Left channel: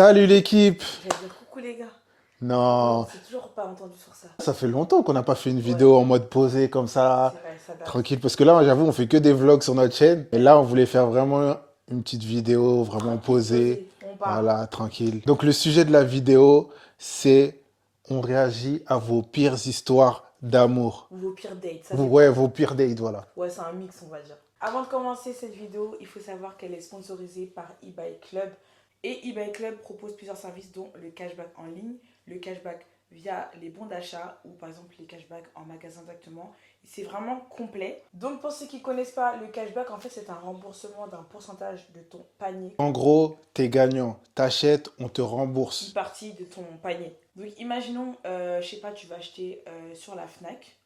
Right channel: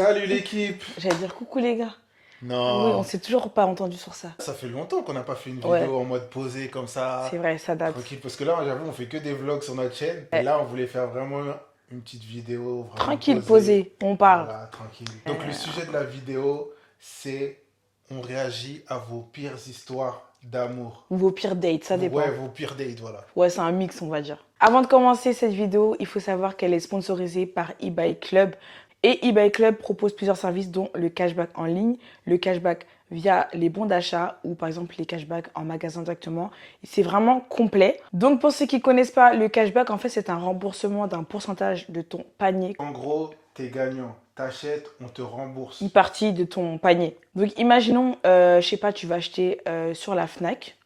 Salut l'équipe! J'allais dire coucou les gars. Oui, on Non, s'est toujours pas entendu sur ça. ça fait longtemps qu'on n'a pas fait une Ouais, vidéo en mode posé comme c'est ça, vrai, ça date. tranquille. Parce que là, j'avoue, on fait que des vlogs sur notre chaîne. Et Ouais. là, on voulait faire vraiment une petite vidéo vraiment Tranquille, posée. posé, on parle. Voilà, tranquille. Donc le sujet de la vidéo, c'est on réagit à vos pires histoires d'amour. Ou vos pires dates, ça Ouais, dépend. vos pires dates, voilà. Ouais, c'est un mix, on va dire. Avant de commencer cette vidéo, il faut savoir qu'elle est sponsorisée par eBay Club. Et eBay Club propose plusieurs services, dont le cashback en ligne, le cashback via les bons d'achat ou par exemple les cashbacks en magasin directement. C'est vraiment complet. Donc pour ceux qui ne connaissent pas, le cashback, en fait, c'est un remboursement d'un pourcentage de ton panier. En gros, t'es gagnant. T'achètes, on te Une rembourse. partie de ton panier. Donc imaginons, je sais pas, tu vas acheter sur la Fnac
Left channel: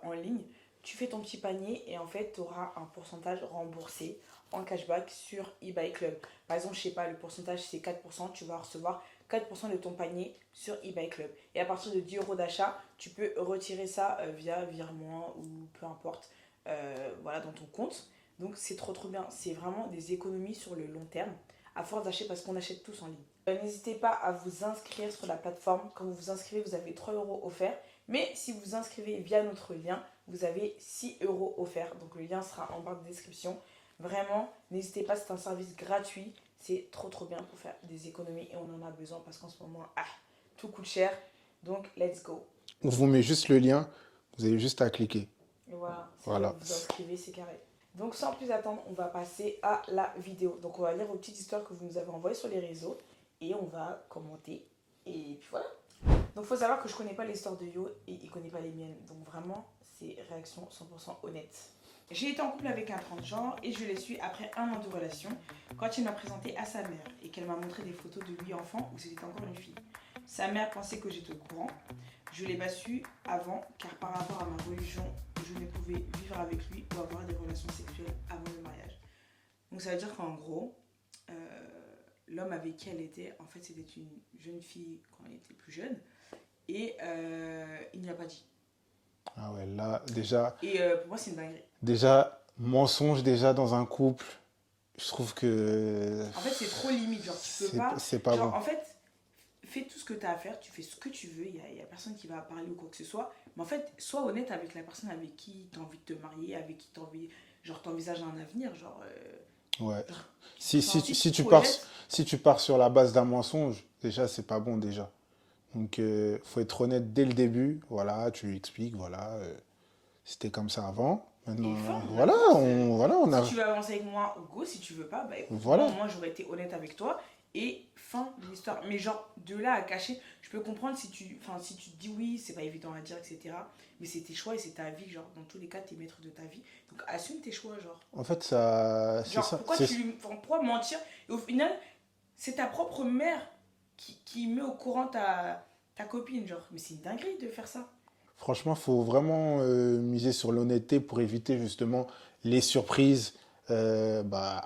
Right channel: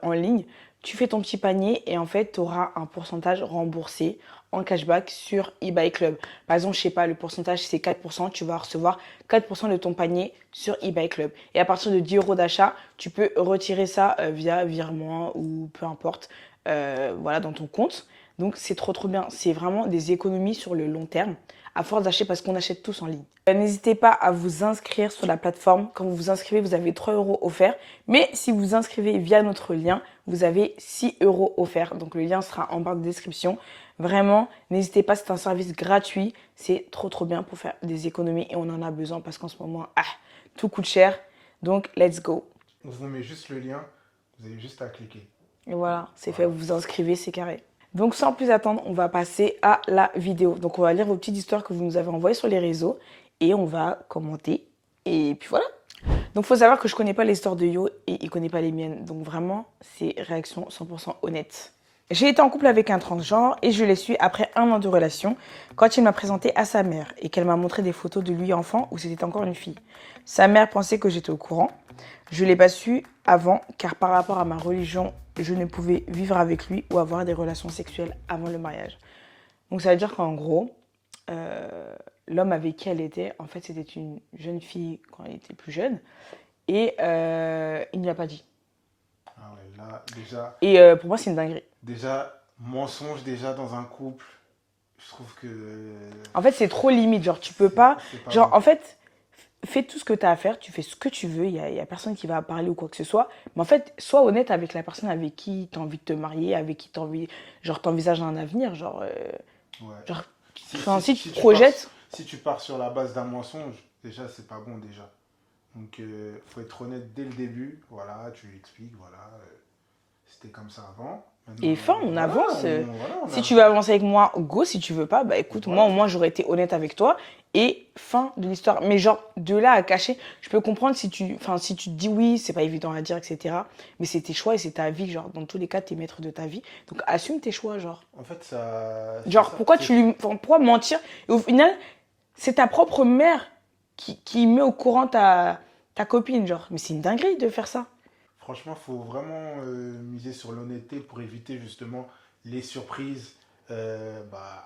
en ligne, tu fais ton petit panier et en fait tu auras un pourcentage remboursé en cashback sur eBay Club. Par exemple, je sais pas, le pourcentage c'est 4%, tu vas recevoir 4% de ton panier sur eBay Club. Et à partir de 10 euros d'achat, tu peux retirer ça via virement ou peu importe, voilà, dans ton compte. Donc c'est trop bien, c'est vraiment des économies sur le long terme à force d'acheter parce qu'on achète tous en ligne. N'hésitez pas à vous inscrire sur la plateforme. Quand vous vous inscrivez, vous avez 3 euros offerts. Mais si vous vous inscrivez via notre lien, vous avez 6 euros offerts. Donc le lien sera en barre de description. Vraiment, n'hésitez pas, c'est un service gratuit. C'est trop bien pour faire des économies et on en a besoin parce qu'en ce moment, tout coûte cher. Donc let's go. On vous met juste le lien, vous avez juste à cliquer. Et voilà, c'est fait, Voilà. vous vous inscrivez, c'est carré. Donc sans plus attendre, on va passer à la vidéo. Donc on va lire vos petites histoires que vous nous avez envoyées sur les réseaux et on va commenter. Et puis voilà. Donc il faut savoir que je connais pas l'histoire de Yo et il connaît pas les miennes. Donc vraiment, c'est réaction 100% honnête. J'ai été en couple avec un transgenre et je l'ai su après 1 an de relation quand il m'a présenté à sa mère et qu'elle m'a montré des photos de lui enfant où c'était encore une fille. Sa mère pensait que j'étais au courant. Je ne l'ai pas su avant car par rapport à ma religion, je ne pouvais vivre avec lui ou avoir des relations sexuelles avant le mariage. Donc ça veut dire qu'en gros, l'homme avec qui elle était, en fait c'était une jeune fille quand elle était plus jeune et il ne lui a pas dit. Ah ouais, là, déjà, Et pour moi c'est une dinguerie. mensonge déjà dans un couple, je trouve que En fait c'est trop limite, genre tu peux pas... c'est pas Genre bon. en fait, fais tout ce que tu as à faire, tu fais ce que tu veux, il y a personne qui va parler ou quoi que ce soit. Mais en fait, sois honnête avec la personne avec qui tu as envie de te marier, avec qui tu envie, genre t'envisages un avenir, Ouais. genre Si, enfin, si tu te tu pars, projettes. si tu pars sur la base d'un mensonge, déjà, c'est pas bon déjà. Donc, faut être honnête dès le début. Voilà, tu lui expliques, voilà, c'était comme ça avant. Maintenant, Et fin, on voilà, avance. on Si a, tu veux avancer avec moi, go. Si tu veux pas, bah écoute, moi voilà. au moins j'aurais été honnête avec toi. Et fin de l'histoire. Mais genre, de là à cacher, je peux comprendre si tu te dis oui, c'est pas évident à dire, etc. Mais c'est tes choix et c'est ta vie. Genre, dans tous les cas, t'es maître de ta vie. Donc assume tes choix, genre. En fait, ça, c'est Genre, ça, pourquoi pourquoi mentir? Et au final, c'est ta propre mère qui met au courant ta copine, genre. Mais c'est une dinguerie de faire ça. franchement, faut vraiment miser sur l'honnêteté pour éviter justement les surprises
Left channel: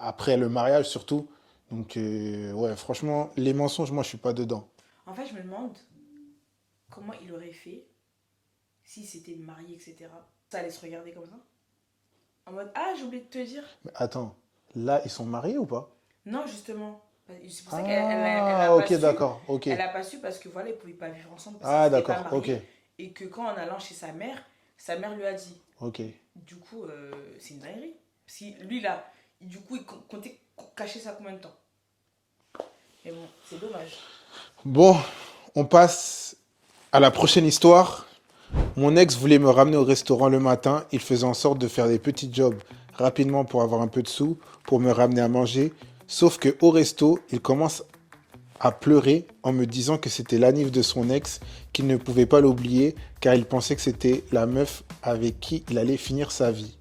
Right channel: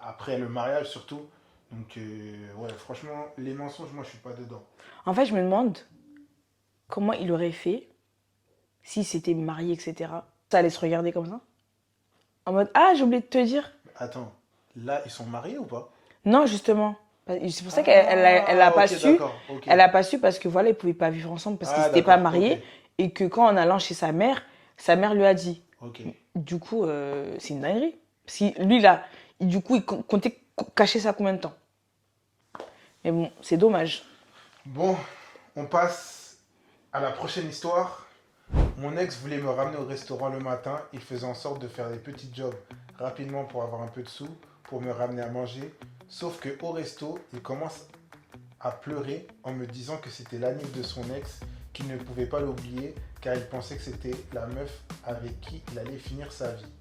après le mariage surtout. Donc, ouais, franchement, les mensonges, moi, je suis pas dedans. En fait, je me demande comment il aurait fait s'il s'était marié, etc. Ça allait se regarder comme ça. En mode, ah, j'ai oublié de te dire. Mais attends, là, ils sont mariés ou pas? Non, justement. C'est pour ça qu'elle a pas Ok, su. d'accord, ok. Elle a pas su parce que voilà, ils pouvaient pas vivre ensemble parce qu'ils Ah, n'étaient pas d'accord, ok, mariés. Et que quand en allant chez sa mère lui a dit. ok. Du coup, c'est une dinguerie. Si lui, là, du coup, il comptait cacher ça combien de temps? Mais bon, c'est dommage. Bon, on passe à la prochaine histoire. Mon ex voulait me ramener au restaurant le matin. Il faisait en sorte de faire des petits jobs rapidement pour avoir un peu de sous, pour me ramener à manger. Sauf que au resto, il commence à pleurer en me disant que c'était l'anniv de son ex, qu'il ne pouvait pas l'oublier car il pensait que c'était la meuf avec qui il allait finir sa vie.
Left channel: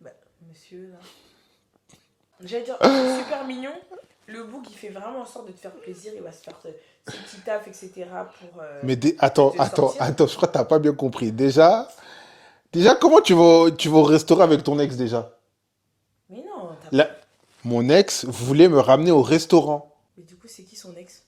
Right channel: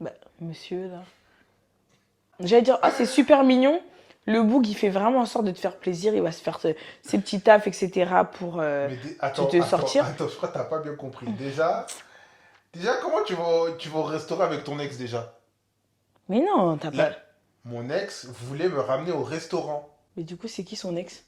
Bah, monsieur, là. J'allais dire, oh, c'est super mignon. Le boug, il fait vraiment en sorte de te faire plaisir. Il va se faire ses petits tafs, etc. pour Mais te sortir. attends, je crois que t'as pas bien compris. Déjà, comment tu vas au restaurant avec ton ex déjà? Mais non, t'as pas. Là, mon ex voulait me ramener au restaurant. Mais du coup, c'est qui son ex?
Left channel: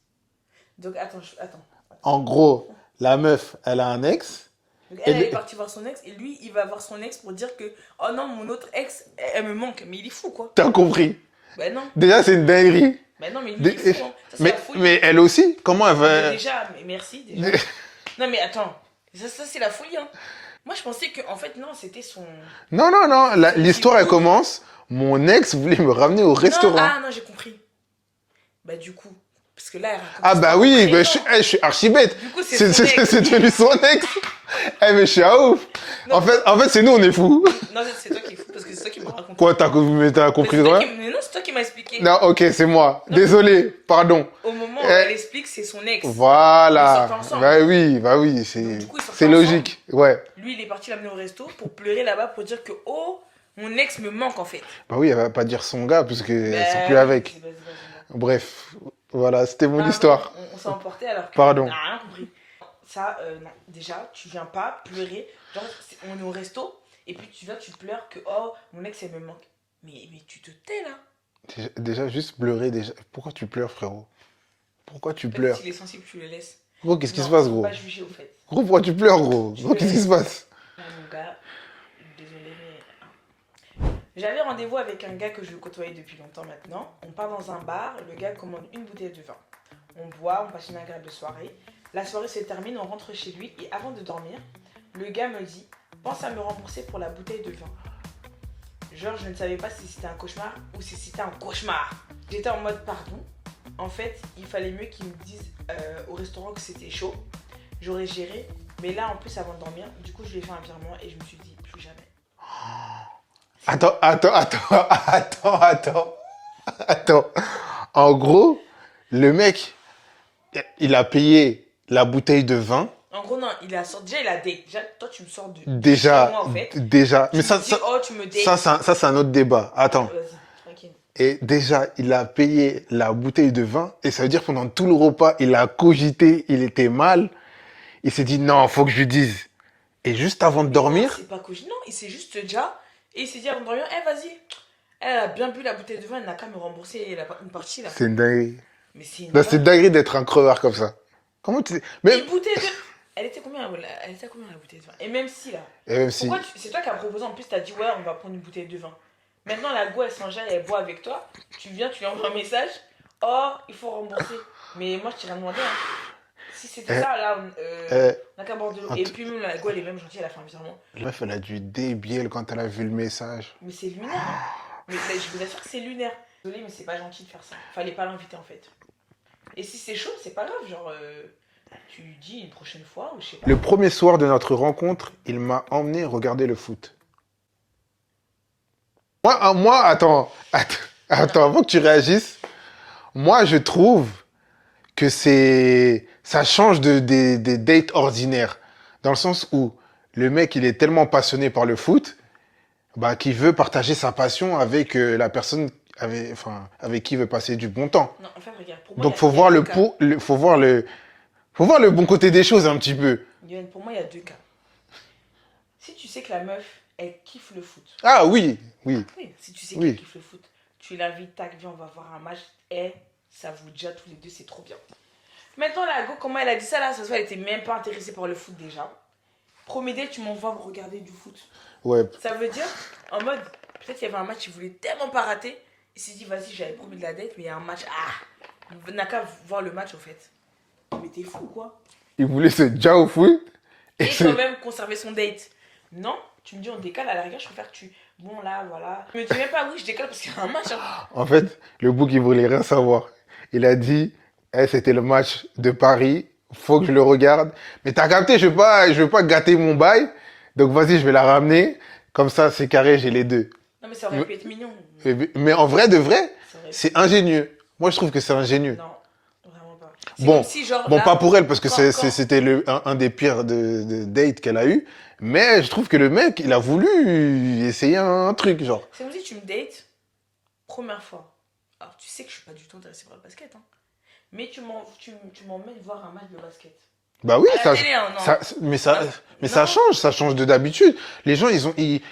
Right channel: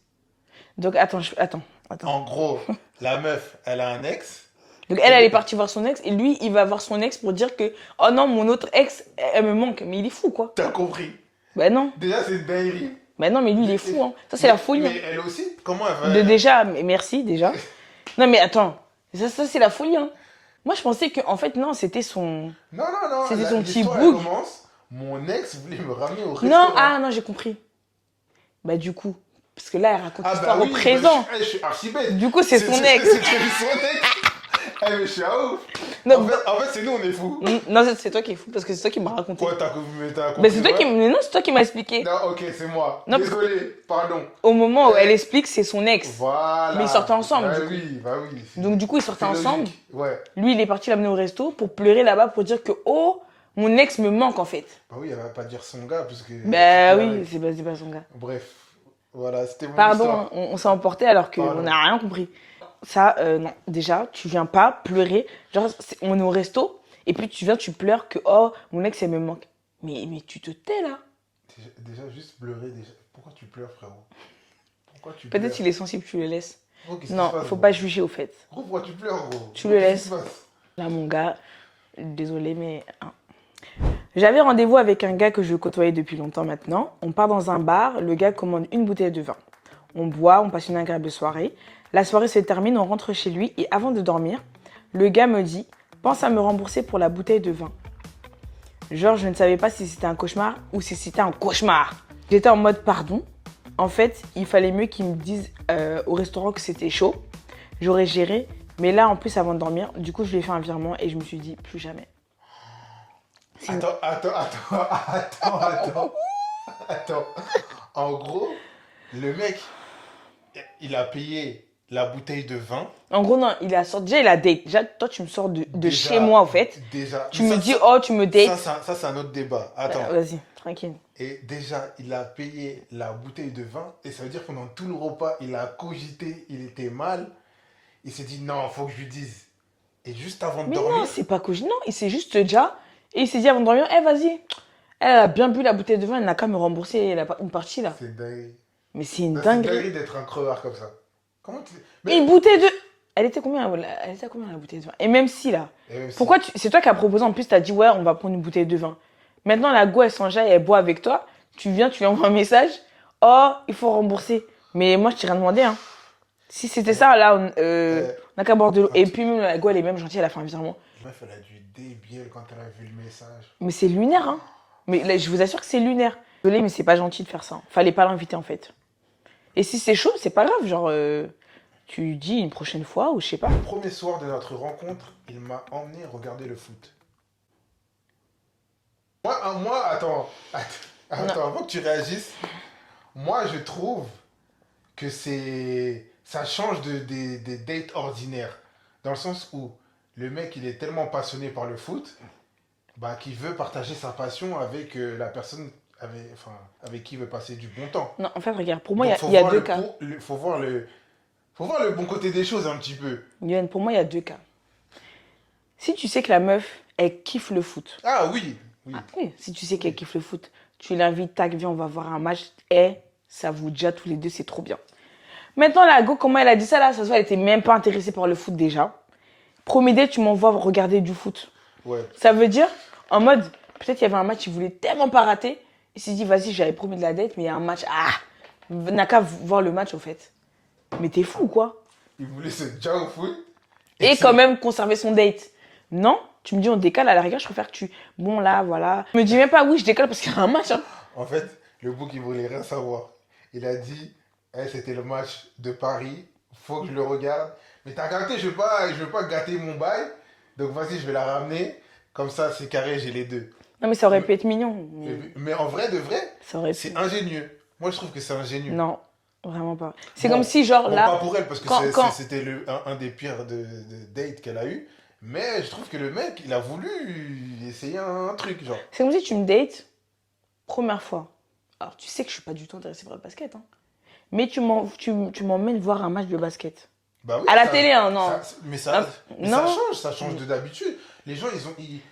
Donc, attends, attends. En gros, la meuf, elle a un ex. Donc, Et elle le- est partie voir son ex. Et lui, il va voir son ex pour dire que, oh non, mon autre ex, elle me manque. Mais il est fou, quoi. T'as compris? Bah non. Déjà, c'est une dinguerie. Bah non, mais lui, il est fou, hein. Ça, c'est la folie. Mais elle aussi, comment elle va... Déjà, mais merci, déjà. Non, mais attends. Ça c'est la folie, hein. Moi, je pensais que, en fait, non, c'était son... Non, non, non, C'était son l'histoire, petit elle bout. commence. Mon ex voulait me ramener au Non, restaurant. ah non, j'ai compris. Bah du coup, parce que là, elle raconte Ah bah l'histoire au oui, bah, présent. je suis archi bête. Du coup, c'est son ex. C'est devenu son ex. Eh mais je suis à ouf. Non, En fait, c'est nous, on est fous. Non, c'est toi qui es fou, parce que c'est toi qui m'as raconté. Quoi, t'as Mais compris c'est toi ouais? qui... Mais non, c'est toi qui m'as expliqué. Non, ok, c'est moi. Non. Désolé, pardon. Au moment où Eh. elle explique, c'est son ex. Voilà. Ils sortent ensemble. Bah oui, c'est... Donc, du coup, ils sortent C'est ensemble. logique, ouais. Lui, il est parti l'amener au resto pour pleurer là-bas, pour dire que, oh, mon ex me manque, en fait. Bah oui, elle va pas dire son gars, parce que c'est Bah plus oui, avec. c'est pas son gars. Bref, voilà, c'était mon Pardon, histoire. on s'est emporté alors Pardon. qu'on n'a rien compris. Ça, non. Déjà, tu viens pas pleurer. Genre, on est au resto, et puis tu viens, tu pleures que, oh, mon ex, elle me manque. Mais tu te tais, là. Déjà, juste pleurer, déjà. Pourquoi tu pleures, frérot? Pourquoi tu Peut-être pleures? qu'il est sensible, tu le laisses. Gros, qu'est-ce qui Non, se passe, faut gros? pas juger, au fait. Gros, pourquoi tu pleures, gros? Tu Gros, le qu'est-ce qui laisses. se passe? Là, mon gars, désolé, mais... hein. J'avais rendez-vous avec un gars que je côtoyais depuis longtemps maintenant. On part dans un bar, le gars commande une bouteille de vin. On boit, on passe une agréable soirée. La soirée se termine, on rentre chez lui et avant de dormir, le gars me dit « Pense à me rembourser pour la bouteille de vin. » Genre, je ne savais pas si c'était un cauchemar ou si c'était un cauchemar. J'étais en mode « Pardon ?» En fait, il fallait mieux qu'il me dise au restaurant que c'était chaud. J'aurais géré, mais là, en plus, avant de dormir, du coup, je lui ai fait un virement et je me suis dit « Plus jamais. » Attends. En gros, le mec, il a payé la bouteille de vin. En gros, non, il a sorti. Déjà, il a date. Déjà, toi, tu me sors de Déjà, chez moi, en fait. Déjà. Tu me dis, oh, tu me dates. Ça, c'est un autre débat. Attends. Vas-y, tranquille. Et déjà, il a payé la bouteille de vin. Et ça veut dire pendant tout le repas, il a cogité, il était mal. Il s'est dit, non, faut que je lui dise. Et juste avant de Mais dormir. non, c'est pas cogit. Non, il s'est juste déjà. Et il s'est dit avant de dormir, eh, vas-y. Elle a bien bu la bouteille de vin, elle n'a qu'à me rembourser une partie, là. C'est une dinguerie. Mais c'est une Non, c'est une dinguerie. dinguerie d'être un crevard comme ça. Comment tu. Mais. Une bouteille de. Elle était combien la bouteille de vin? Et même si, là. Et même si- Pourquoi c'est toi qui as proposé, en plus, t'as dit, ouais, on va prendre une bouteille de vin. Maintenant, la go, elle s'enjaille, elle boit avec toi. Tu viens, tu lui envoies un message. Oh, il faut rembourser. Mais moi, je t'ai rien demandé, hein. Si c'était ça, là, on n'a qu'à boire de l'eau. Et puis, même, la go, elle est même gentille, elle a fait un virement. La meuf, elle a dû débiel quand elle a vu le message. Mais c'est lunaire, hein. Mais là, je vous assure que c'est lunaire. Désolée, mais c'est pas gentil de faire ça. Fallait pas l'inviter, en fait. Et si c'est chaud, c'est pas grave. Genre, tu dis une prochaine fois ou je sais pas. Le premier soir de notre rencontre, il m'a emmené regarder le foot. Attends, avant que tu réagisses, moi, je trouve que ça change des dates ordinaires. Dans le sens où le mec, il est tellement passionné par le foot, bah, qu'il veut partager sa passion avec la personne avec qui il veut passer du bon temps. Non, en fait, regarde, pour moi, Donc, il y a deux cas. faut voir le bon côté des choses un petit peu. Yoann, pour moi, il y a deux cas. Si tu sais que la meuf, elle kiffe le foot. Ah oui, oui. Oui, si tu sais Oui. qu'elle kiffe le foot, tu l'invites, tac, viens, on va voir un match. Et ça vous déjà tous les deux, c'est trop bien. Maintenant, la go, comment elle a dit ça là? Ça se voit, elle était même pas intéressée par le foot déjà. Premier date, tu m'envoies regarder du foot. Ouais. Ça veut dire, en mode, peut-être il y avait un match, il voulait tellement pas rater. Il s'est dit, vas-y, j'avais promis de la date, mais il y a un match. Ah, n'a qu'à voir le match, au fait. Mais t'es fou, quoi. Il voulait se déjà au foot. Et quand même conserver son date. Non, tu me dis, on décale, à la rigueur, je préfère que tu. Bon, là, voilà. Me dis même pas, oui, je décale parce qu'il y a un match. Hein. En fait, le bouc, il voulait rien savoir. Il a dit, c'était le match de Paris, faut que je le regarde. Mais t'as capté, je veux pas gâter mon bail. Donc vas-y, je vais la ramener. Comme ça, c'est carré, j'ai les deux. Non, mais ça aurait pu être mignon. Mais en vrai, de vrai, Ça aurait pu. c'est ingénieux. Moi, je trouve que c'est ingénieux. Non, vraiment pas. C'est Bon, comme si, genre. Bon, là, pas pour elle, parce que quand- c'était un des pires de dates qu'elle a eu. Mais je trouve que le mec, il a voulu essayer un truc, genre. C'est comme si tu me dates, première fois. Alors, tu sais que je suis pas du tout intéressée par le basket, hein. Mais tu m'emmènes voir un match de basket. Bah oui, À la ça- télé, hein, non. mais Non. ça change de d'habitude. Les gens,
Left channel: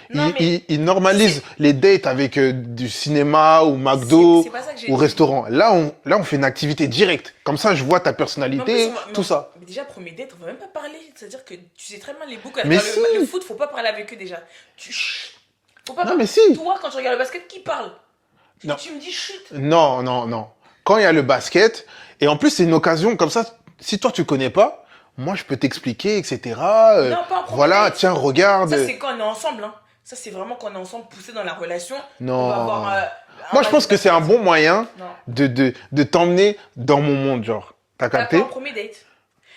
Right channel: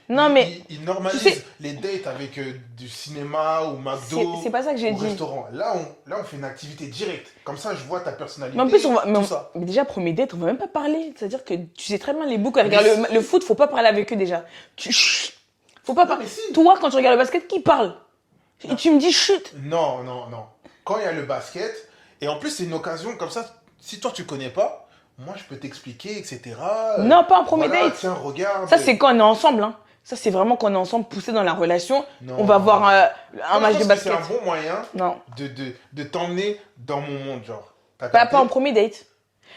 Non, mais- ils normalisent les dates avec du cinéma ou McDo C'est pas ça que j'ai ou dit. restaurant. Là, on fait une activité directe. Comme ça, je vois ta personnalité, Mais en plus, tout ça. Mais déjà, premier date, on va même pas parler. C'est-à-dire que tu sais très bien les boucs. Mais si. Le foot, faut pas parler avec eux déjà. Chut. Faut pas Non, parler. mais si. Toi, quand tu regardes le basket, qui parle? Non. Et tu me dis chut. Non, non, non. quand il y a le basket, et en plus, c'est une occasion comme ça, si toi, tu connais pas, moi, je peux t'expliquer, etc. Non, pas en premier Voilà, date. tiens, regarde. Ça, c'est quand on est ensemble. Hein. Ça, c'est vraiment quand on est ensemble, poussé dans la relation. Non. On va voir un Moi, je match pense de que c'est un basket. bon moyen Non. de t'emmener dans mon monde, genre. T'as Pas capté? en premier date.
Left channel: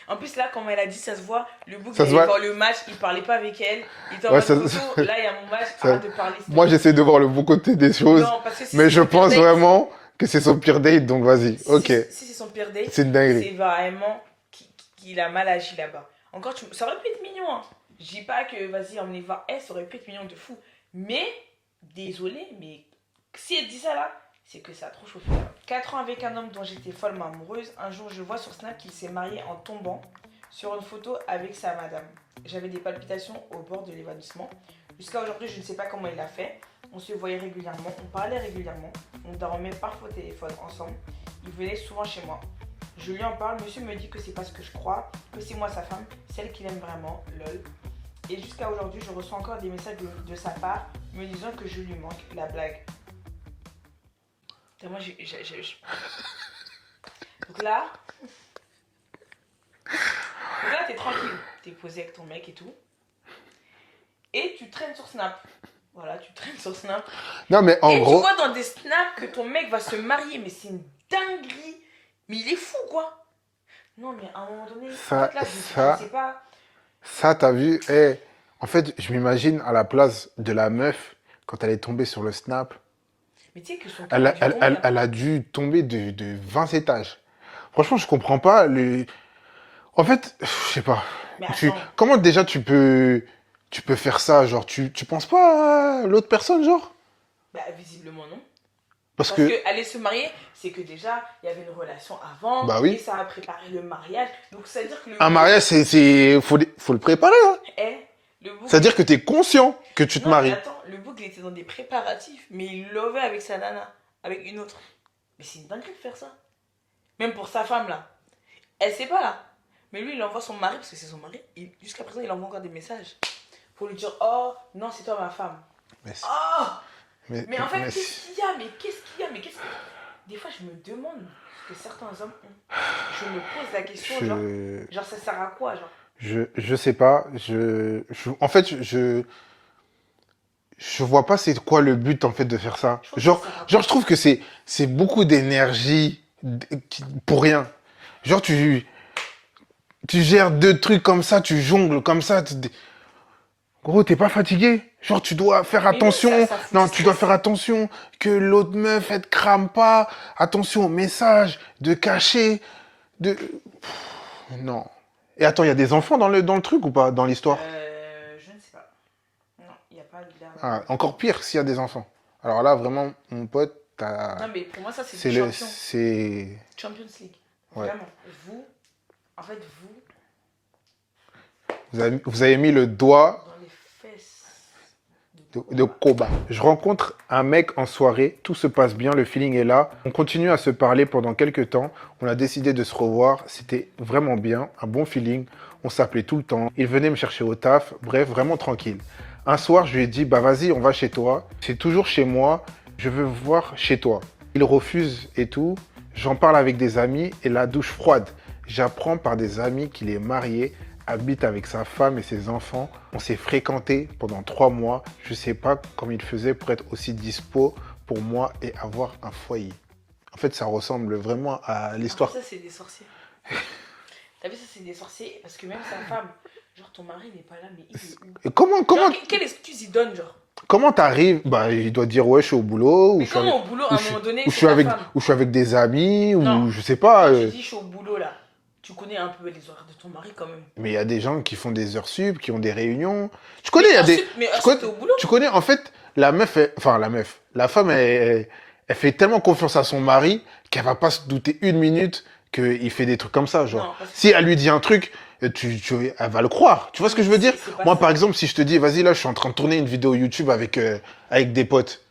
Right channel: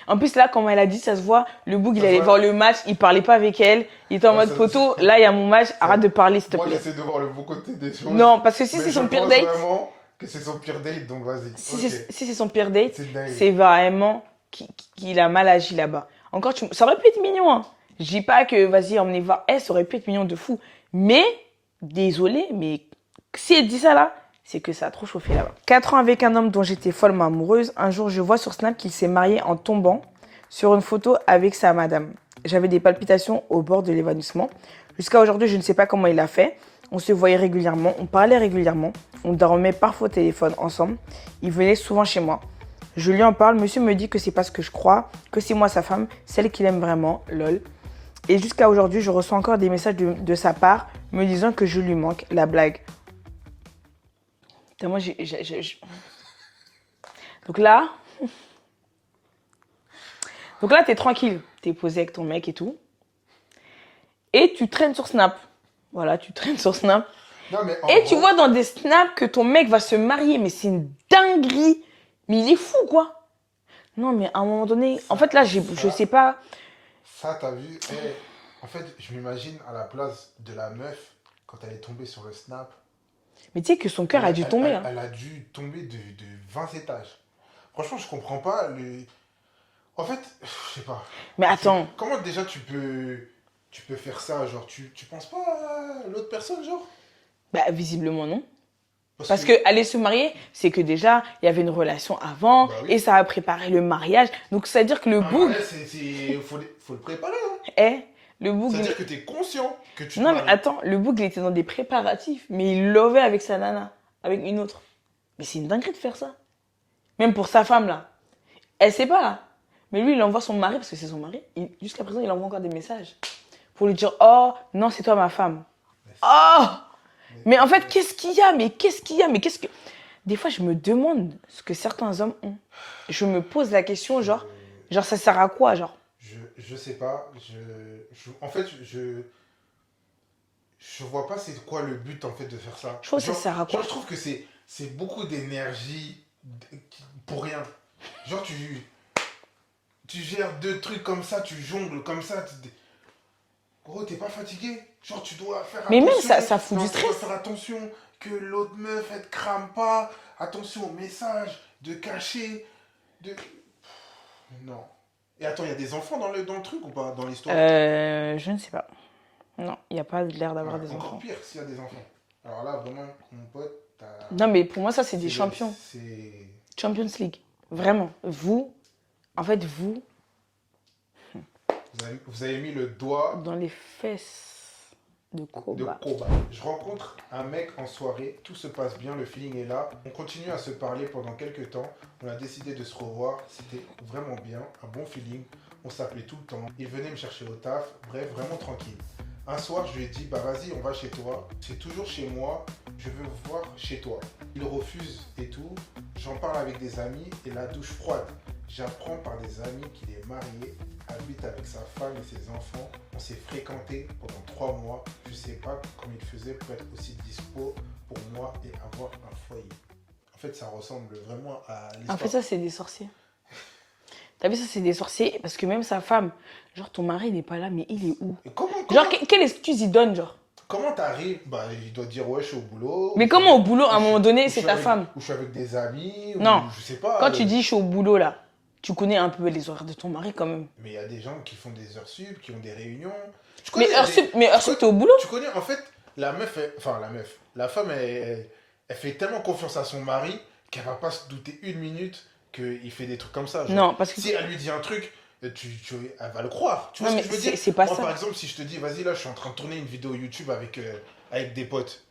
En plus, là, comme elle a dit, ça se voit. Le book, il Ça se allait voit. voir le match, il parlait pas avec elle. Il était en Ouais, mode photo. Là, il y a mon match, arrête de parler, s'il te Moi, plaît. j'essaie de voir le bon côté des choses. Non, parce que si mais c'est je son pire pense date, vraiment que c'est son pire date, donc vas-y. Ok. si c'est son pire date, C'est une dinguerie. c'est vraiment qu'il a mal agi là-bas. Encore, ça aurait pu être mignon. Hein. Je dis pas que vas-y, emmenez voir. Elle, ça aurait pu être mignon de fou. Mais, désolé, mais si elle dit ça là, c'est que ça a trop chauffé là-bas. 4 ans avec un homme dont j'étais follement amoureuse. Un jour, je vois sur Snap qu'il s'est marié en tombant sur une photo avec sa madame. J'avais des palpitations au bord de l'évanouissement. Jusqu'à aujourd'hui, je ne sais pas comment il a fait. On se voyait régulièrement, on parlait régulièrement, on dormait parfois au téléphone ensemble. Il venait souvent chez moi. Je lui en parle, monsieur me dit que c'est pas ce que je crois, que c'est moi sa femme, celle qu'il aime vraiment, lol. Et jusqu'à aujourd'hui, je reçois encore des messages de sa part me disant que je lui manque, la blague. Putain, moi, Donc là, t'es tranquille, t'es posé avec ton mec et tout. Et tu traînes sur Snap. Voilà, tu traînes sur Snap. Non, mais en Et gros... tu vois dans des snaps que ton mec va se marier, mais c'est une dinguerie. Mais il est fou, quoi. Non, mais à un moment donné, Ça- en fait, là, je sais pas. Ça, t'as vu? Eh, en fait, je m'imagine à la place de la meuf, quand elle est tombée sur le snap, Mais tu sais que son cœur a dû tomber. Hein. elle a dû tomber de 20 étages. Franchement, je comprends pas. En fait, je sais pas. Mais attends, Comment déjà tu peux faire ça? Genre, tu penses pas à l'autre personne, genre? bah, visiblement non. Parce Parce que aller se marier, c'est que déjà, il y avait une relation avant, Bah oui. et ça a préparé le mariage. Donc, c'est-à-dire que le un boug, mariage, faut le préparer, hein. le boug, C'est-à-dire que tu es conscient que tu te non, mais maries. attends, le boug, il était dans des préparatifs, mais il lovait avec sa nana, avec une autre. Mais c'est une dinguerie de faire ça. Même pour sa femme, là. Elle sait pas, là. Mais lui, il envoie son mari, parce que c'est son mari. Jusqu'à présent, il envoie encore des messages. Pour lui dire, oh, non, c'est toi ma femme. Mais c'est- Oh! Mais en fait, mais qu'est-ce qu'il y a? Mais qu'est-ce qu'il y a? Mais qu'est-ce que... Des fois, je me demande ce que certains hommes ont. Je me pose la question, je- genre, ça sert à quoi, genre? Je sais pas. En fait, je vois pas c'est quoi le but en fait de faire ça. Je trouve que Genre, ça sert à quoi? genre je trouve que c'est beaucoup d'énergie pour rien. Genre tu gères deux trucs comme ça, tu jongles comme ça. Gros, t'es pas fatigué? Genre, tu dois faire Mais même attention. ça fout Non, du tu dois stress. faire attention que l'autre meuf, elle te crame pas. Attention aux messages, de cacher, de... Non. Et attends, il y a des enfants dans le truc ou pas, dans l'histoire? Je ne sais pas. Non, il n'y a pas l'air d'avoir Ah, des encore enfants. pire s'il y a des enfants. Alors là, vraiment, mon pote, Non, mais pour moi, ça, c'est des c'est le- champions. c'est... Champions League. Ouais. Vraiment. Vous, en fait, vous, Vous avez mis le doigt dans les fesses de de Koba. Koba. Je rencontre un mec en soirée, tout se passe bien, le feeling est là. On continue à se parler pendant quelques temps. On a décidé de se revoir. C'était vraiment bien, un bon feeling. On s'appelait tout le temps. Il venait me chercher au taf. Bref, vraiment tranquille. Un soir, je lui ai dit, bah vas-y, on va chez toi. C'est toujours chez moi. Je veux voir chez toi. Il refuse et tout. J'en parle avec des amis et la douche froide. J'apprends par des amis qu'il est marié, habite avec sa femme et ses enfants. On s'est fréquentés pendant 3 mois. Je sais pas comment il faisait pour être aussi dispo pour moi et avoir un foyer. En fait, ça ressemble vraiment à En l'histoire. fait, ça, c'est des sorciers. T'as vu, ça, c'est des sorciers. Parce que même sa femme, genre, ton mari, il n'est pas là, mais il est où? Et comment Genre, quelle excuse il donne, genre? t'arrives? Bah, il doit dire ouais, je suis au boulot. Mais ou je suis comment au avec- boulot, à ou un je suis- moment donné, ou je c'est suis ta avec, femme? ou je suis avec des amis, Non. ou je sais pas. Quand tu dis je suis au boulot, là, tu connais un peu les horaires de ton mari, quand même. Mais il y a des gens qui font des heures sup, qui ont des réunions. Tu connais, il y a heure des... sup, mais heure tu connais- sup, t'es au boulot? Tu connais, en fait, la femme, elle fait tellement confiance à son mari qu'elle va pas se douter une minute qu'il fait des trucs comme ça. Genre. Non, parce que Si elle lui dit un truc, elle va le croire. Tu vois Non, ce que je veux mais dire? c'est pas Moi, ça. par exemple, si je te dis, vas-y, là, je suis en train de tourner une vidéo YouTube avec des potes,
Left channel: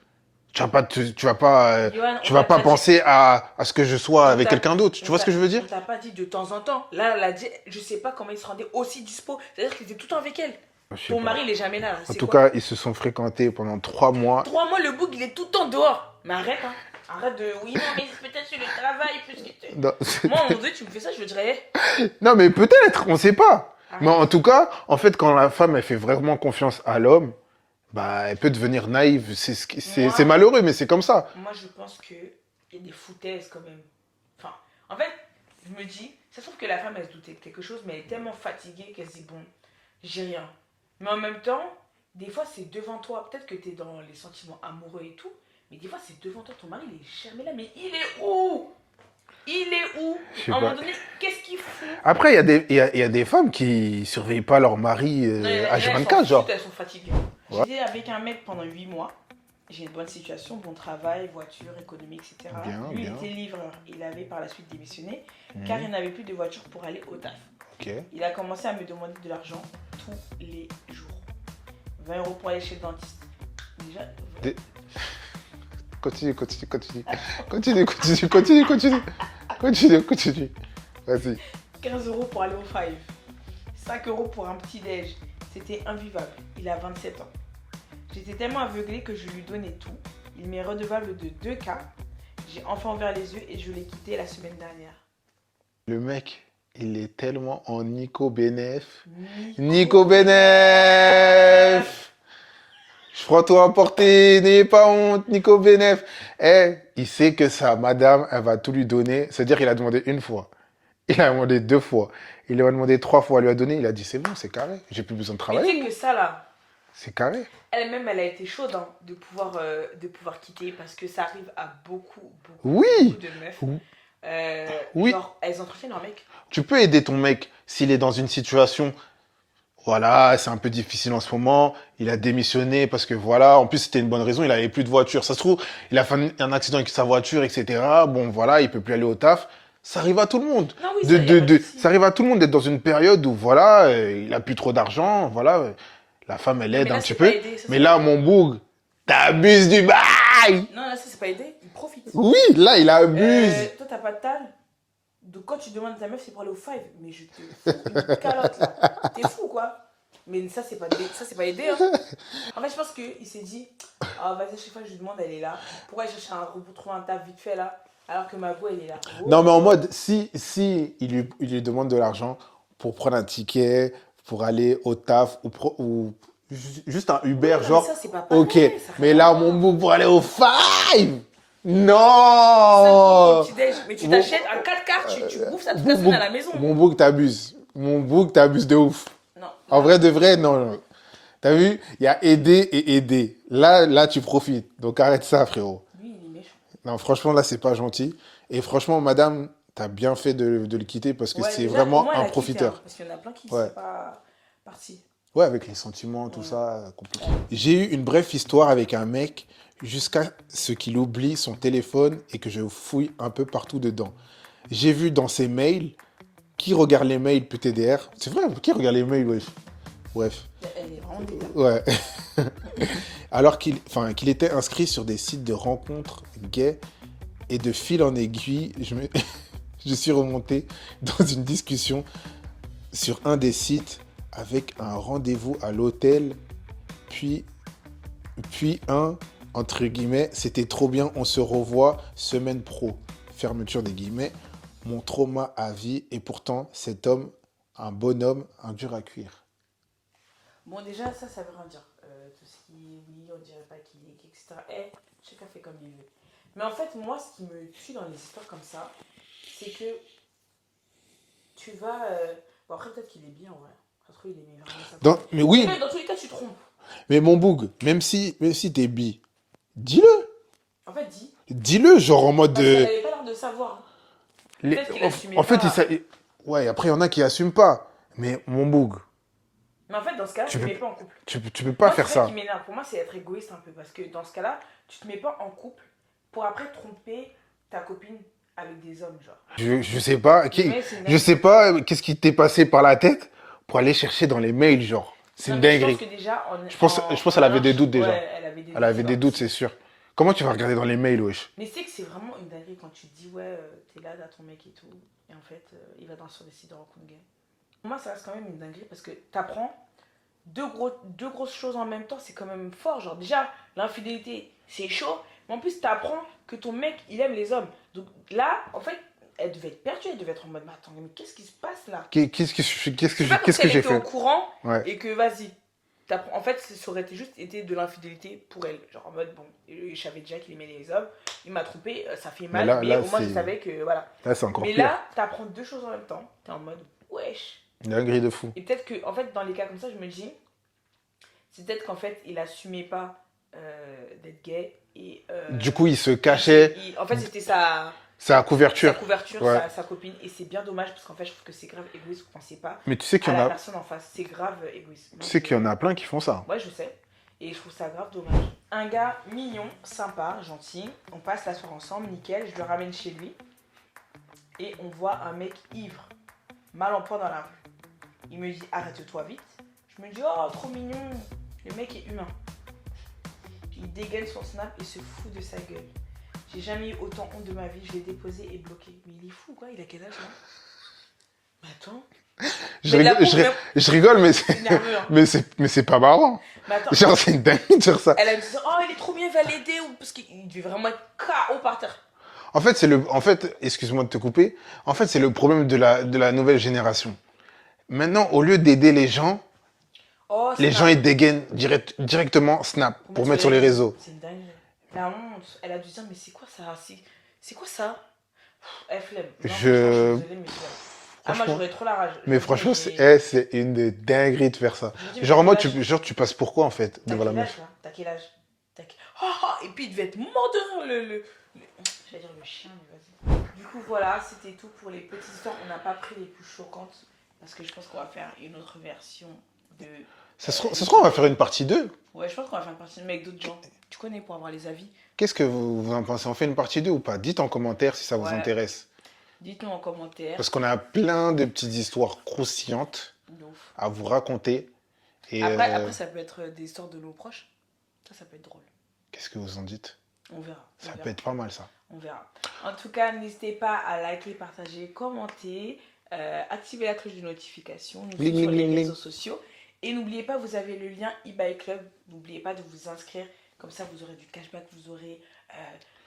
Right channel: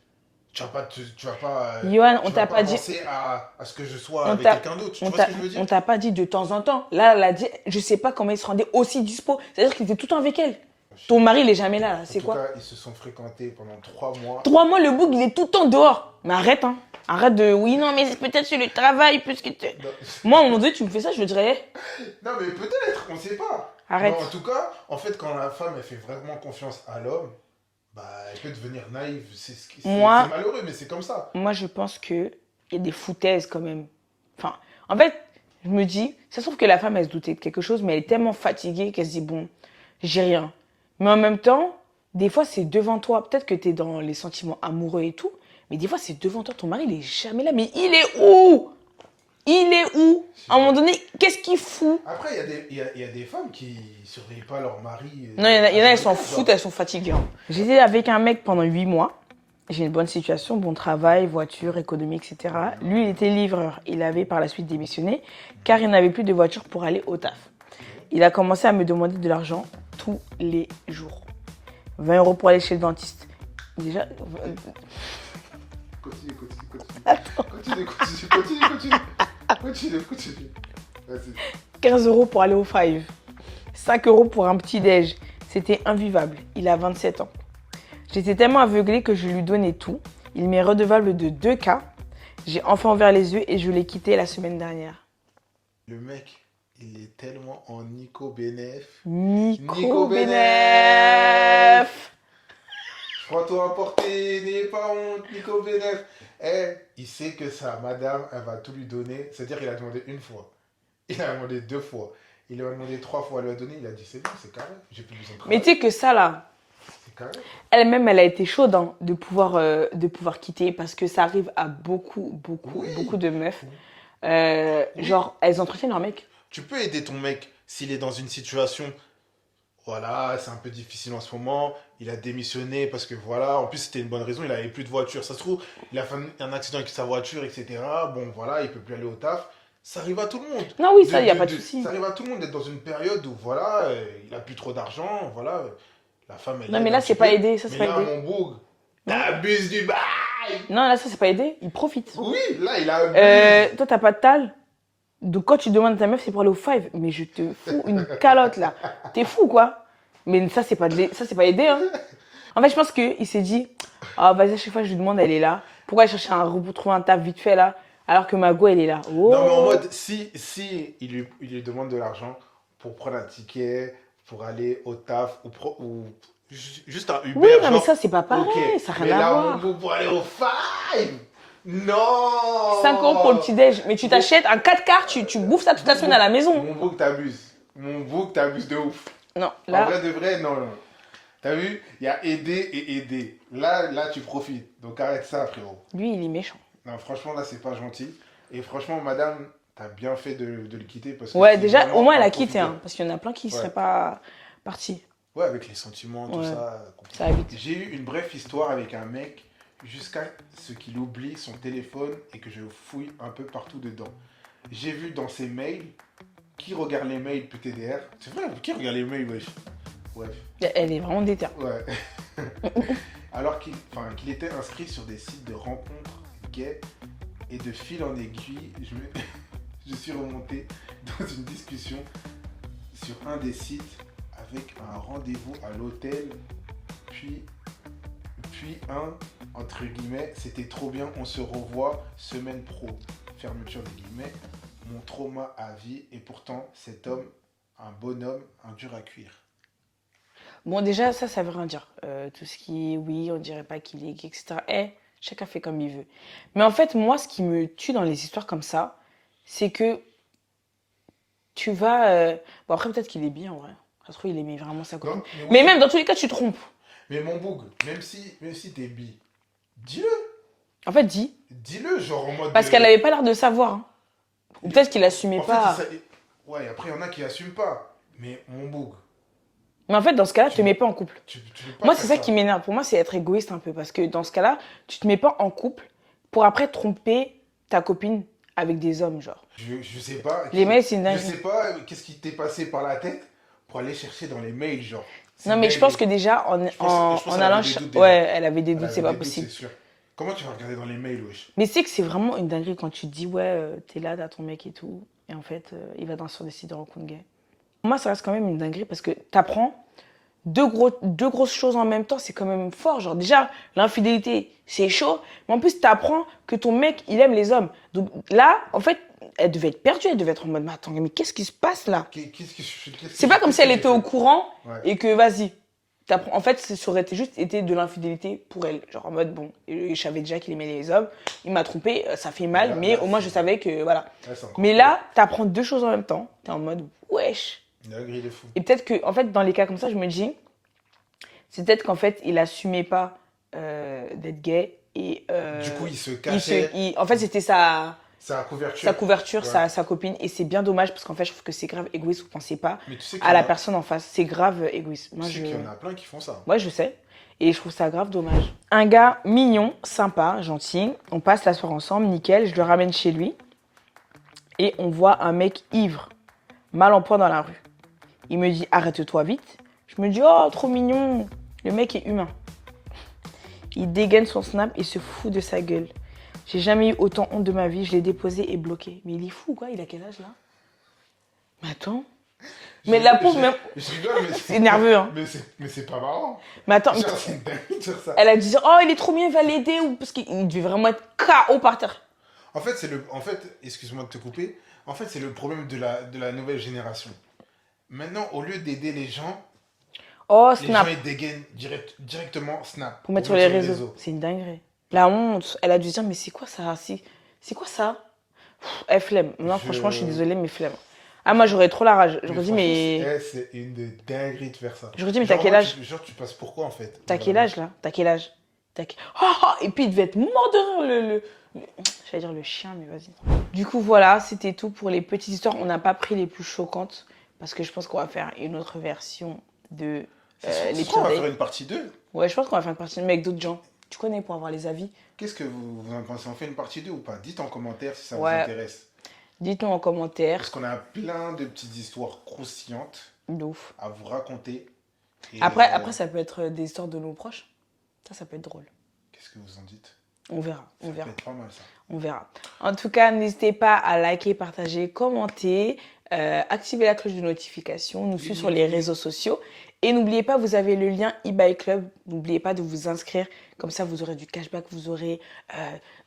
tu vas pas, Yoann, tu on vas t'a pas pas dit- penser à ce que je sois On avec t'a- quelqu'un d'autre. Tu on vois ce t'a- que je veux dire? On t'a pas dit de temps en temps. Là, elle a dit, je sais pas comment il se rendait aussi dispo. C'est-à-dire qu'il était tout le temps avec elle. Je sais Ton pas. mari, il est jamais là. En C'est tout quoi? cas, ils se sont fréquentés pendant 3 mois. 3 mois, le boug, il est tout le temps dehors. Mais arrête, hein. Arrête de. Oui, non, mais c'est peut-être sur le travail, puisque tu. Non, Moi, à un moment donné, tu me fais ça, je me dirais, non, mais peut-être, on sait pas. Mais arrête. en tout cas, en fait, quand la femme, elle fait vraiment confiance à l'homme, bah, elle peut devenir naïve. C'est Moi, malheureux, mais c'est comme ça. moi, je pense qu'il y a des foutaises quand même. Enfin, en fait, je me dis, ça se trouve que la femme, elle se doutait de quelque chose, mais elle est tellement fatiguée qu'elle se dit, bon, j'ai rien. Mais en même temps, des fois, c'est devant toi. Peut-être que tu es dans les sentiments amoureux et tout, mais des fois, c'est devant toi. Ton mari, il est jamais là. Mais il est où? Il est où? Je sais À un moment pas. donné, qu'est-ce qu'il fout? Après, il y a des femmes qui surveillent pas leur mari Non, il y en a, elles s'en H24, genre. foutent, elles sont fatiguées. Hein. J'étais avec un mec pendant 8 mois. J'ai une bonne situation, bon travail, voiture, économie, etc. Bien, Lui, il bien. était livreur. Il avait par la suite démissionné car il n'avait plus de voiture pour aller au taf. Ok. Il a commencé à me demander de l'argent tous les jours. 20 euros pour aller chez le dentiste. Déjà, Continue, continue, continue. Continue, continue, continue, continue. Continue, continue. Vas-y. 15 euros pour aller au Five. 5 euros pour un petit déj. C'était invivable. Il a 27 ans. J'étais tellement aveuglée que je lui donnais tout. Il m'est redevable de 2K. J'ai enfin ouvert les yeux et je l'ai quitté la semaine dernière. Le mec, il est tellement en Nico Benef. Nico, Nico Benef. Je prends toi à porter, n'ayez pas honte, Nico Benef. Eh, il sait que sa madame, elle va tout lui donner. C'est-à-dire qu'il a demandé une fois. Il a demandé 2 fois. Il lui a demandé 3 fois. Elle lui a donné. Il a dit, c'est bon, c'est carré. J'ai plus besoin de Mais tu travailler. sais que ça là, C'est carré. elle-même, elle a été chaude hein, de pouvoir quitter parce que ça arrive à beaucoup, beaucoup, Oui. beaucoup de meufs. Oui. Genre, elles entretiennent leur mec. Tu peux aider ton mec s'il est dans une situation, voilà, c'est un peu difficile en ce moment, il a démissionné parce que voilà, en plus c'était une bonne raison, il avait plus de voiture. Ça se trouve, il a fait un accident avec sa voiture, etc. Bon, voilà, il peut plus aller au taf. Ça arrive à tout le monde. Non, oui, ça, y a pas de souci. Ça arrive à tout le monde d'être dans une période où, voilà, il a plus trop d'argent, voilà, la femme, elle Non, aide mais là, un petit c'est peu. pas aidé, ça, c'est Mais pas là, aidé. mon boug, t'abuses du bail. Non, là, ça, c'est pas aidé. Il profite. Oui, là, il abuse. Toi, t'as pas de tal. Donc, quand tu demandes à ta meuf, c'est pour aller au Five. Mais je te fous une calotte, là. T'es fou, quoi. Mais ça, c'est pas aidé, hein. En fait, je pense qu'il s'est dit, ah, vas-y, à chaque fois que je lui demande, elle est là. Pourquoi aller chercher retrouver un taf vite fait, là, alors que ma go, elle est là. Oh. Non, mais en mode, si il lui demande de l'argent pour prendre un ticket, pour aller au taf, ou juste un Uber, Oui, non, mais genre, ça, c'est pas pareil. ok. Ça a Mais rien à là, voir. mon bout, pour aller au Five, non. 5 euros pour le petit déj. Mais tu t'achètes un 4 quarts, tu bouffes ça toute la semaine à la maison. Mon bout, t'abuses. Mon bout, t'abuses de ouf. Non, En là, vrai, de vrai, non, non. T'as vu? Il y a aider et aider. Là, tu profites. Donc arrête ça, frérot. lui, il est méchant. Non, franchement, là, c'est pas gentil. Et franchement, madame, t'as bien fait de le quitter parce que Ouais, c'est déjà, vraiment au moins, elle un a quitté. profiteur. Hein, parce qu'il y en a plein qui ne Ouais. seraient pas partis. Ouais, avec les sentiments, tout Ouais. ça, compliqué. Ça va vite. J'ai eu une brève histoire avec un mec jusqu'à ce qu'il oublie son téléphone et que je fouille un peu partout dedans. J'ai vu dans ses mails, qui regarde les mails PTDR? C'est vrai, qui regarde les mails, wesh? Bref, Elle est vraiment déter. ouais. Alors qu'il était inscrit sur des sites de rencontres gays et de fil en aiguille, je suis remonté dans une discussion sur un des sites avec un rendez-vous à l'hôtel, puis entre guillemets, c'était trop bien, on se revoit semaine pro, fermeture des guillemets, mon trauma à vie, et pourtant cet homme, un bonhomme, un dur à cuire. Bon, déjà, ça veut rien dire. Tout ce qui est oui, on dirait pas qu'il est gay, etc. Chacun fait comme il veut. Mais en fait, moi, ce qui me tue dans les histoires comme ça, c'est que tu vas. Bon, après, peut-être qu'il est bien, en vrai. Ça se trouve, il aimait vraiment sa copine. Mais oui, Mais même dans tous les cas, tu te trompes. mais mon boug, même si t'es bi, dis-le, En fait, dis. dis-le, genre en mode Parce de... qu'elle avait pas l'air de savoir. Hein. les- Peut-être qu'il assumait En fait, pas. ouais, après, il y en a qui assument pas, mais mon boug, Mais en fait, dans ce cas-là, Tu tu te veux- mets pas en couple. tu peux pas Moi, faire c'est ça ça. qui m'énerve. Pour moi, c'est être égoïste un peu. Parce que dans ce cas-là, tu te mets pas en couple pour après tromper ta copine avec des hommes, genre. Je sais pas, Les mails, c'est une je dinguerie. sais pas qu'est-ce qui t'est passé par la tête pour aller chercher dans les mails, genre. C'est Non, une mais je pense dinguerie. que déjà, Je pense qu'elle avait des doutes déjà. Ouais, elle avait des Elle doutes, c'est avait pas des doutes, possible. c'est sûr. Comment tu vas regarder dans les mails, wesh? Mais c'est que c'est vraiment une dinguerie quand tu te dis, ouais, t'es là, t'as ton mec et tout, et en fait, il va sur des sites de rencontres gays. Pour moi, ça reste quand même une dinguerie parce que t'apprends deux grosses choses en même temps, c'est quand même fort. Genre, déjà, l'infidélité, c'est chaud. Mais en plus, t'apprends que ton mec, il aime les hommes. Donc là, en fait, elle devait être perdue. Elle devait être en mode, mais attends, mais qu'est-ce qui se passe là? C'est pas comme si elle était au courant Ouais. et que, vas-y. En fait, ça aurait juste été de l'infidélité pour elle. Genre en mode, bon, je savais déjà qu'il aimait les hommes. Il m'a trompé, ça fait mal, mais au moins je savais que, voilà. Là, c'est encore Mais pire. là, t'apprends deux choses en même temps. T'es en mode, wesh. Une grille de fou. Et peut-être que, en fait, dans les cas comme ça, je me dis, c'est peut-être qu'en fait, il assumait pas d'être gay. Et, Du coup, il se cachait. en fait, c'était sa Couverture. Ouais. sa copine. Et c'est bien dommage parce qu'en fait, je trouve que c'est grave égoïste. Vous pensez pas Mais tu sais qu'il à y en la a... personne en face. C'est grave égoïste. Tu sais qu'il y en a plein qui font ça. Ouais, je sais. Et je trouve ça grave dommage. Un gars mignon, sympa, gentil. On passe la soirée ensemble, nickel. Je le ramène chez lui. Et on voit un mec ivre, mal en point dans la rue. Il me dit, arrête-toi vite. Je me dis, oh, trop mignon. Le mec est humain. Il dégaine son snap et se fout de sa gueule. J'ai jamais eu autant honte de ma vie. Je l'ai déposé et bloqué. Mais il est fou, quoi. Il a quel âge, là? Mais attends. Je rigole, mais c'est nerveux, hein. mais c'est pas marrant. Mais attends. Genre, c'est une dingue de dire ça. Elle a dit, oh, il est trop mignon, il va l'aider. Parce qu'il devait vraiment être KO par terre. En fait, excuse-moi de te couper. En fait, c'est le problème de la nouvelle génération. Maintenant, au lieu d'aider les gens, les gens ils dégainent directement Snap pour mettre sur les réseaux. C'est une dinguerie. La honte, elle a dû dire, mais c'est quoi ça? C'est quoi ça? Elle flemme. Non, franchement, je suis désolée, mais flemme. Ah, moi, j'aurais trop la rage. Mais franchement, c'est une des dingueries de faire ça. Dit, genre, tu passes pour quoi, en fait? T'as quel âge, là? T'as quel âge? Et puis, il devait être mort de rire, j'allais dire le chien, mais vas-y. Du coup, voilà, c'était tout pour les petites histoires. On n'a pas pris les plus choquantes, parce que je pense qu'on va faire une autre version de... Ça se trouve, on va faire une partie 2. Ouais, je pense qu'on va faire une partie 2, mais avec d'autres gens. Tu connais, pour avoir les avis. Qu'est-ce que vous en pensez? On fait une partie 2 ou pas? Dites en commentaire si ça vous intéresse. Dites-nous en commentaire. Parce qu'on a plein de petites histoires croustillantes à vous raconter. Et après, ça peut être des histoires de nos proches. Ça peut être drôle. Qu'est-ce que vous en dites? On verra. Ça peut être pas mal, ça. On verra. En tout cas, n'hésitez pas à liker, partager, commenter, activer la cloche de notification, nous suivre sur les réseaux sociaux. Et n'oubliez pas, vous avez le lien eBay Club. N'oubliez pas de vous inscrire. Comme ça, vous aurez du cashback, vous aurez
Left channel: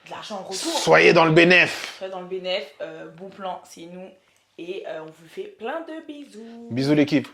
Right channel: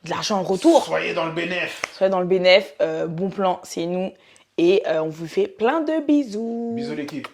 de l'argent en retour. Soyez dans le bénéf. Soyez dans le bénéf. Bon plan, c'est nous. Et on vous fait plein de bisous. Bisous l'équipe.